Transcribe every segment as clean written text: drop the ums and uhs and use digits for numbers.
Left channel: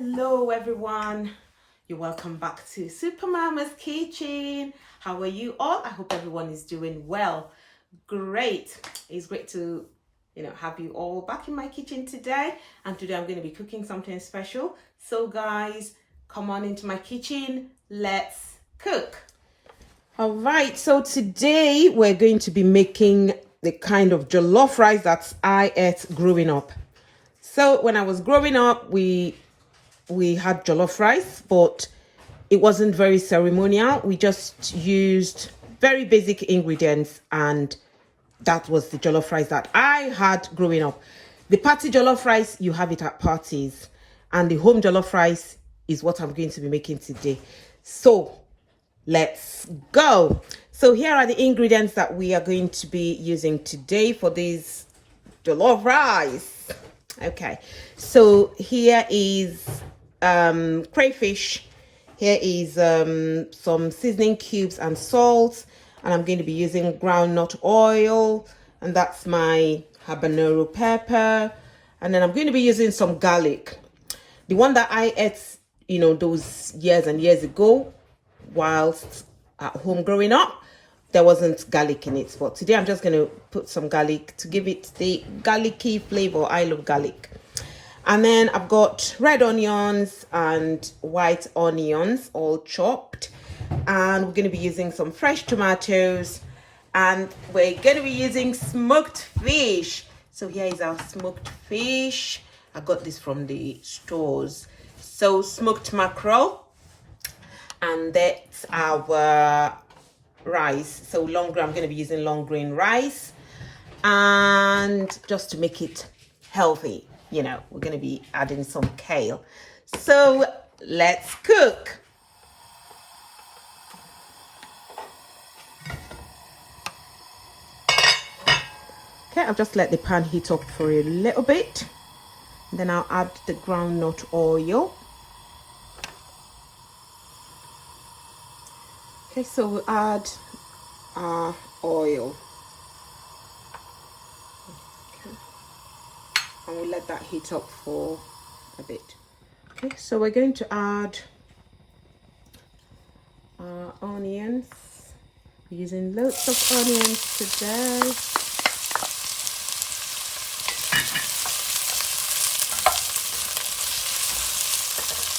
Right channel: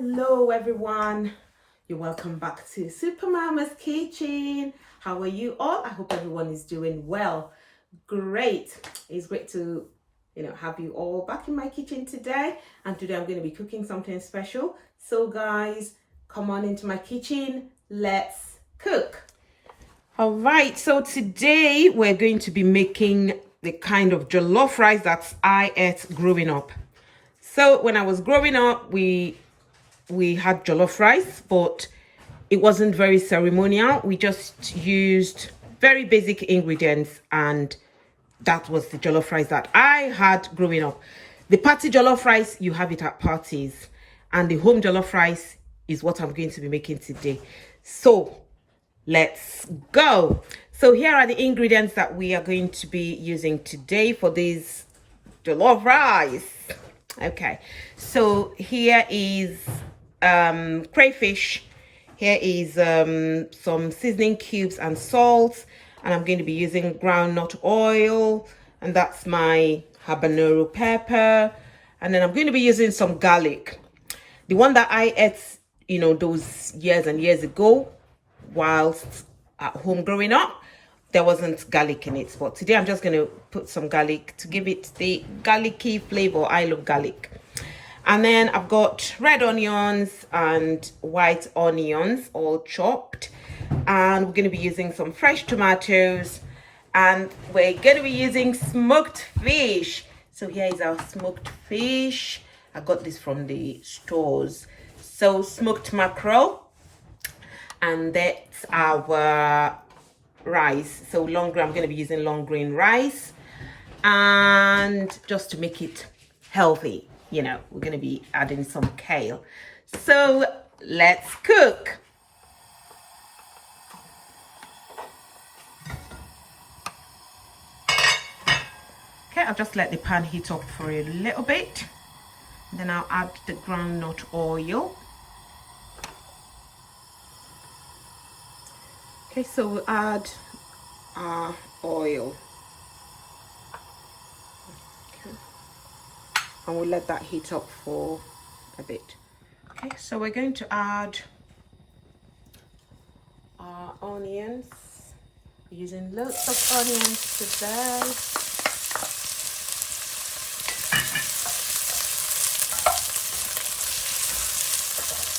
Hello everyone, you're welcome back to Super Mama's Kitchen. How are you all? I hope everyone is doing well. Great. It's great to have you all back in my kitchen today, and today I'm going to be cooking something special. So guys, come on into my kitchen, let's cook. All right, so today we're going to be making the kind of jollof rice that I ate growing up. So when I was growing up, we had jollof rice, but it wasn't very ceremonial. We just used very basic ingredients, and that was the jollof rice that I had growing up. The party jollof rice, you have it at parties, and the home jollof rice is what I'm going to be making today. So let's go. So here are the ingredients that we are going to be using today for this jollof rice. Okay, so here is crayfish. Here is some seasoning cubes and salt, and I'm going to be using groundnut oil, and that's my habanero pepper, and then I'm going to be using some garlic. The one that I ate, those years and years ago whilst at home growing up, there wasn't garlic in it, but today I'm just going to put some garlic to give it the garlicky flavor. I love garlic. And then I've got red onions and white onions all chopped, and we're going to be using some fresh tomatoes, and we're going to be using smoked fish. So here is our smoked fish. I got this from the stores. So smoked mackerel, and that's our rice. So long grain, I'm going to be using long grain rice, and just to make it healthy, we're going to be adding some kale. So let's cook. Okay, I'll just let the pan heat up for a little bit, then I'll add the groundnut oil. Okay, so we'll add our oil. Okay. And we'll let that heat up for a bit. Okay, so we're going to add our onions. We're using lots of onions today.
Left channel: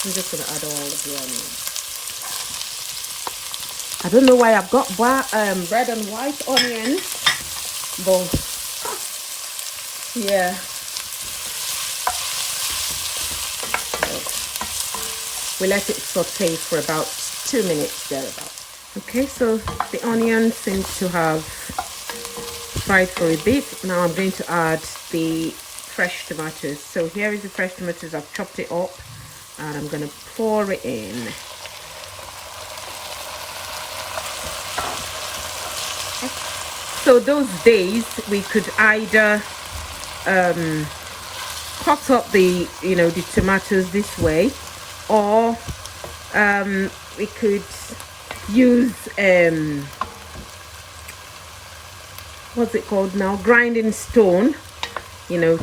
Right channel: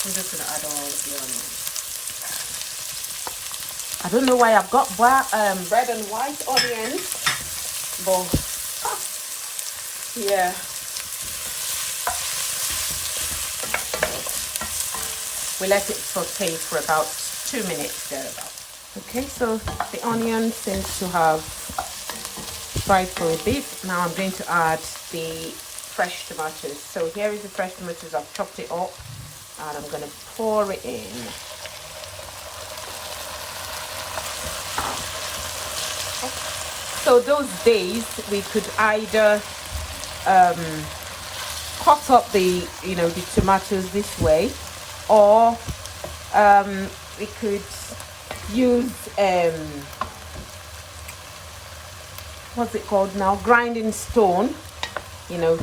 I'm just going to add all of the onions. I don't know why I've got red and white onions, but yeah. We let it saute for about 2 minutes there. Okay, so the onions seem to have fried for a bit. Now I'm going to add the fresh tomatoes. So here is the fresh tomatoes. I've chopped it up, and I'm going to pour it in. So those days we could either cut up the tomatoes this way, or we could use what's it called now, grinding stone, to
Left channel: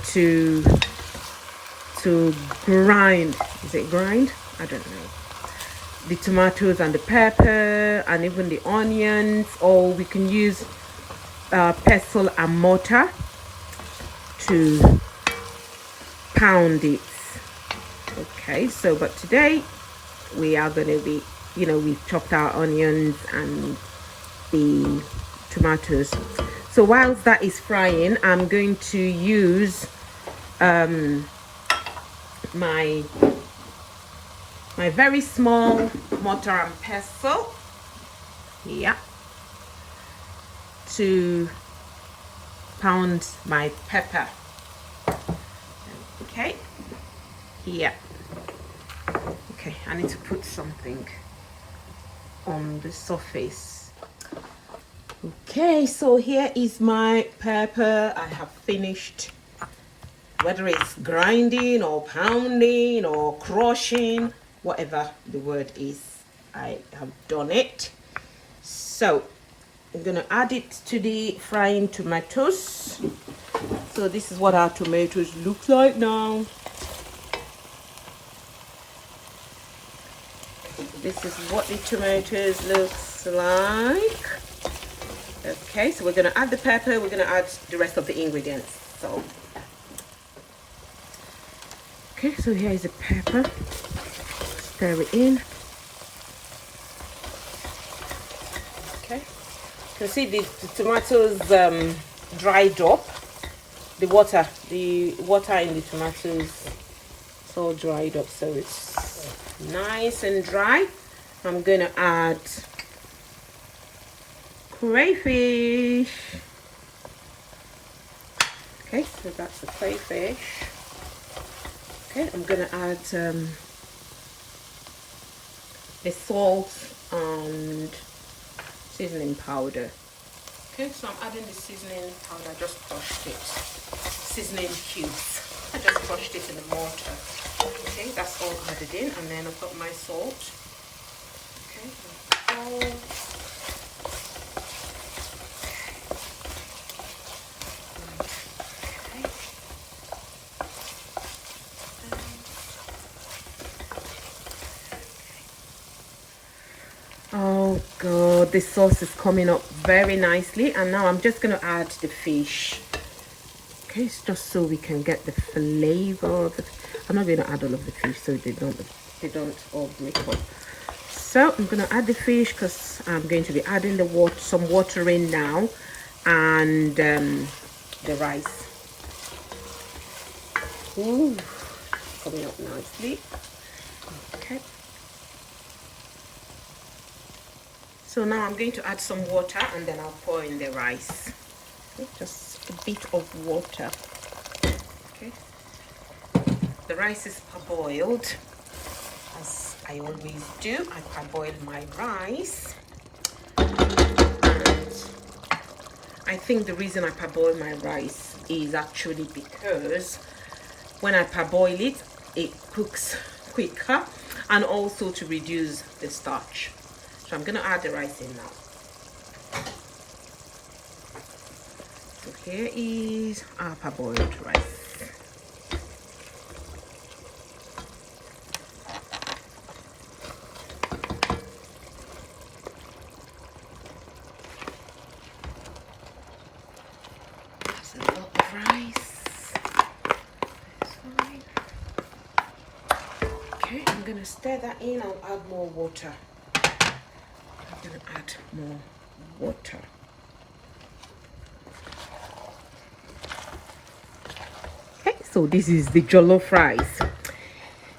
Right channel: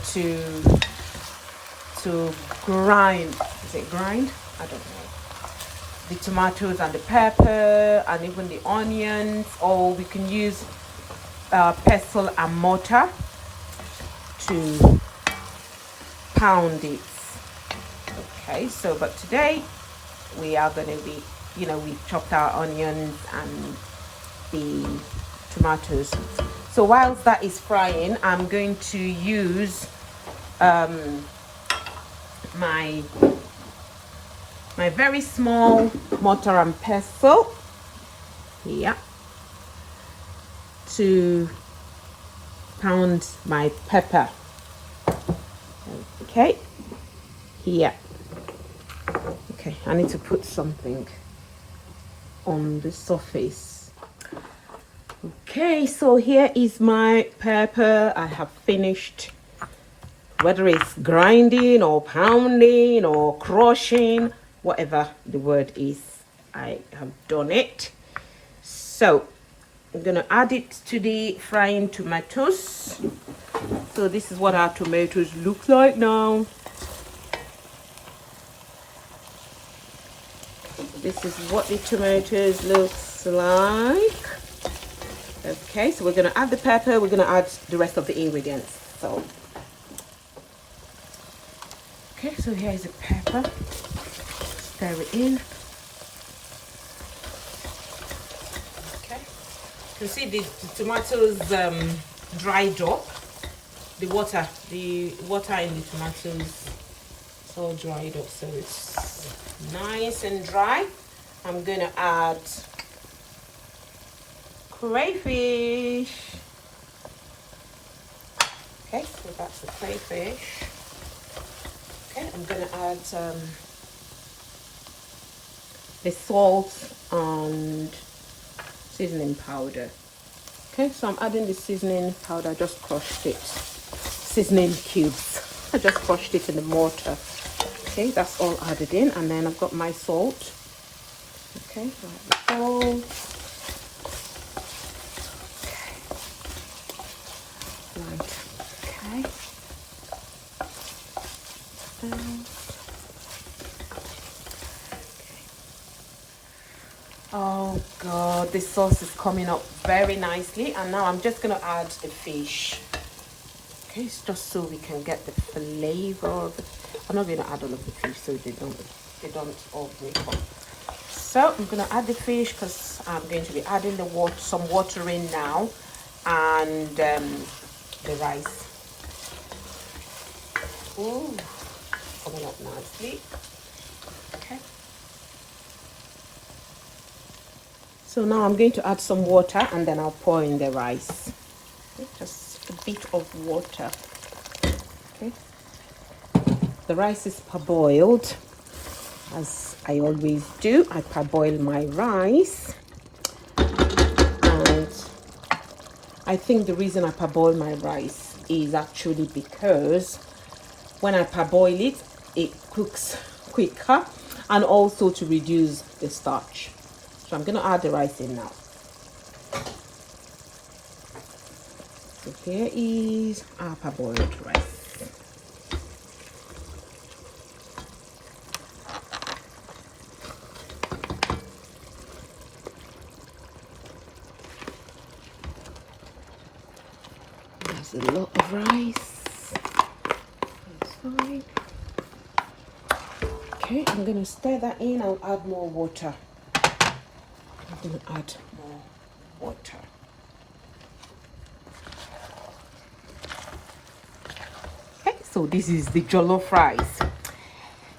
grind. Is it grind? I don't know. The tomatoes and the pepper and even the onions, or we can use pestle and mortar to pound it. Okay, so but today we are going to be, we chopped our onions and the tomatoes. So whilst that is frying, I'm going to use my very small mortar and pestle here to pound my pepper. Okay, here. Okay, I need to put something on the surface. Okay, so here is my pepper. I have finished, whether it's grinding or pounding or crushing, whatever the word is, I have done it. So I'm going to add it to the frying tomatoes. So this is what our tomatoes look like now. this is what the tomatoes looks like. Okay, so we're going to add the pepper, we're going to add the rest of the ingredients. So okay, so here is the pepper. Stir it in. Okay, you can see the tomatoes dried up. The water in the tomatoes is all dried up, so it's nice and dry. I'm going to add crayfish. Okay, so that's the crayfish. Okay, I'm going to add the salt and seasoning powder. Okay, so I'm adding the seasoning powder. I just crushed it. Seasoning cubes. I just crushed it in the mortar. Okay, that's all added in, and then I've got my salt. Okay, salt. Oh god, this sauce is coming up very nicely, and now I'm just going to add the fish. Okay, it's just so we can get the flavor of it. I'm not going to add all of the fish so they don't all break up. So I'm going to add the fish because I'm going to be adding the some water in now, and the rice. Ooh, coming up nicely. Okay. So now I'm going to add some water, and then I'll pour in the rice. Okay, just a bit of water. Okay. The rice is parboiled, as I always do. I parboil my rice, and I think the reason I parboil my rice is actually because when I parboil it, it cooks quicker, and also to reduce the starch. So I'm going to add the rice in now. So here is our parboiled rice. There's a lot of rice. That's fine. Okay, I'm going to stir that in. I'll add more water. I'm going to add more water. Okay, so this is the jollof rice.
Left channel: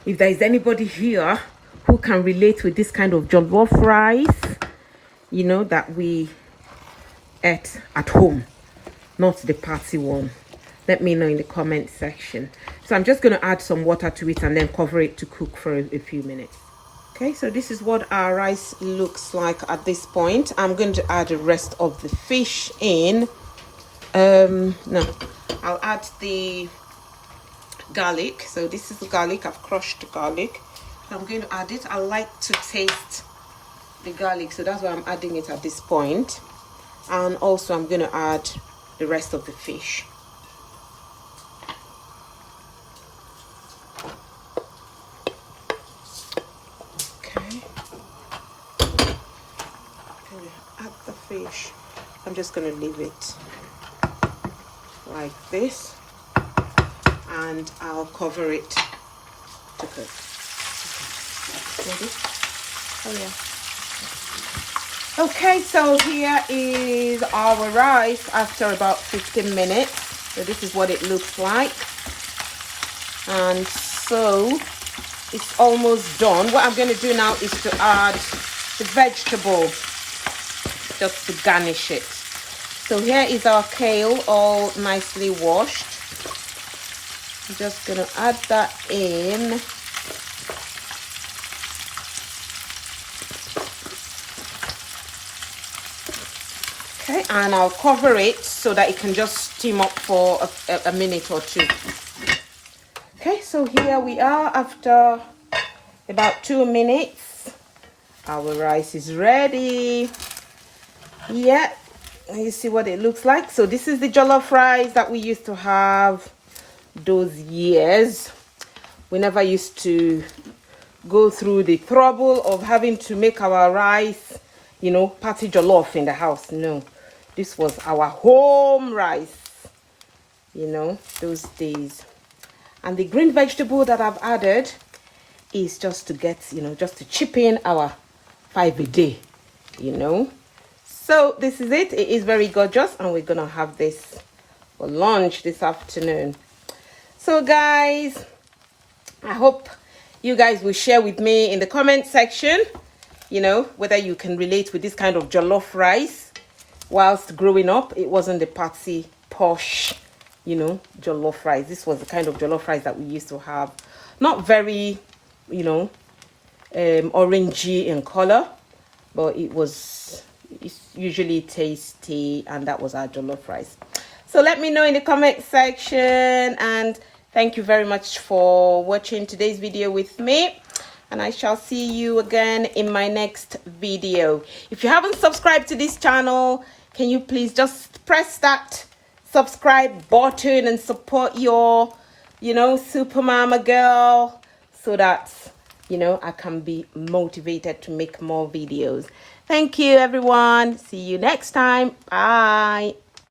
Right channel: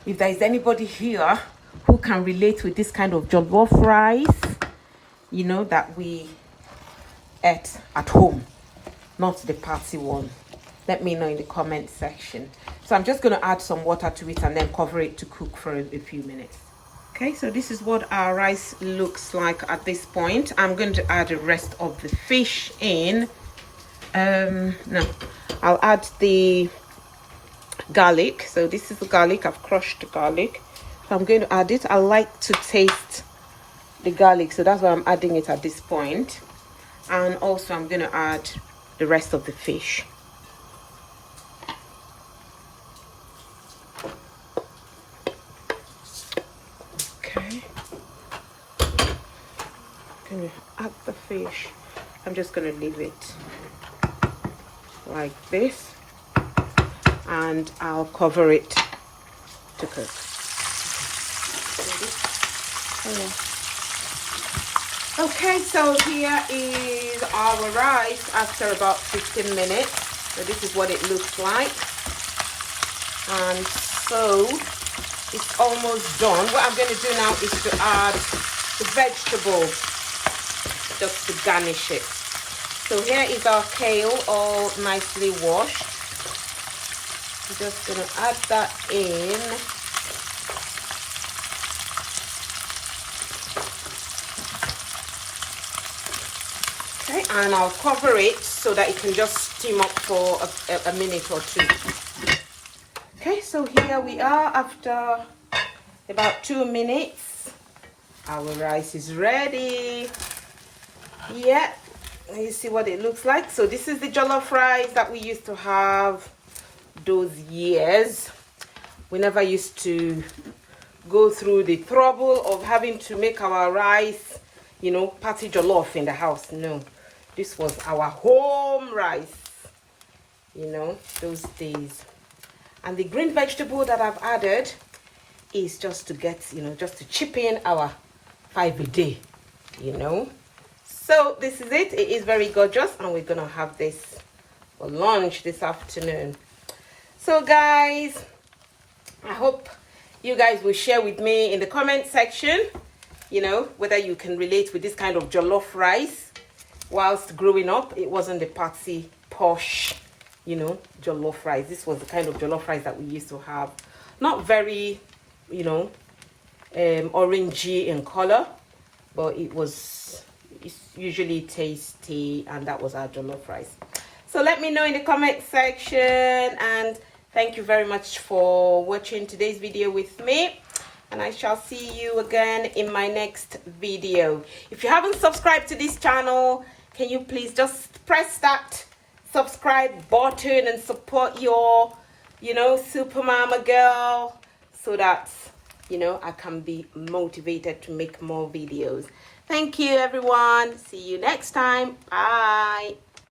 If there is anybody here who can relate with this kind of jollof rice, you know, that we ate at home, not the party one, let me know in the comment section. So I'm just going to add some water to it and then cover it to cook for a few minutes. Okay, so this is what our rice looks like at this point. I'm going to add the rest of the fish in. No, I'll add the garlic. So this is the garlic. I've crushed the garlic. So I'm going to add it. I like to taste the garlic, so that's why I'm adding it at this point. And also I'm going to add the rest of the fish. Add the fish. I'm just going to leave it like this, and I'll cover it to cook. Oh yeah. Okay, so here is our rice after about 15 minutes. So this is what it looks like, and so it's almost done. What I'm going to do now is to add the vegetable, just to garnish it. So here is our kale, all nicely washed. I'm just gonna add that in. Okay, and I'll cover it so that it can just steam up for a minute or two. Okay, so here we are after about 2 minutes. Our rice is ready. Yeah, you see what it looks like. So this is the jollof rice that we used to have those years. We never used to go through the trouble of having to make our rice, you know, party jollof in the house. No, this was our home rice, you know, those days. And the green vegetable that I've added is just to get, you know, just to chip in our 5 a day, you know. So this is it. It is very gorgeous, and we're gonna have this for lunch this afternoon. So guys, I hope you guys will share with me in the comment section, you know, whether you can relate with this kind of jollof rice. Whilst growing up, it wasn't the party posh, you know, jollof rice. This was the kind of jollof rice that we used to have. Not very, you know, orangey in color, but it's usually tasty, and that was our jollof rice. So let me know in the comment section, and thank you very much for watching today's video with me, and I shall see you again in my next video. If you haven't subscribed to this channel, can you please just press that subscribe button and support your, you know, Super Mama girl, so that, you know, I can be motivated to make more videos. Thank you, everyone. See you next time. Bye.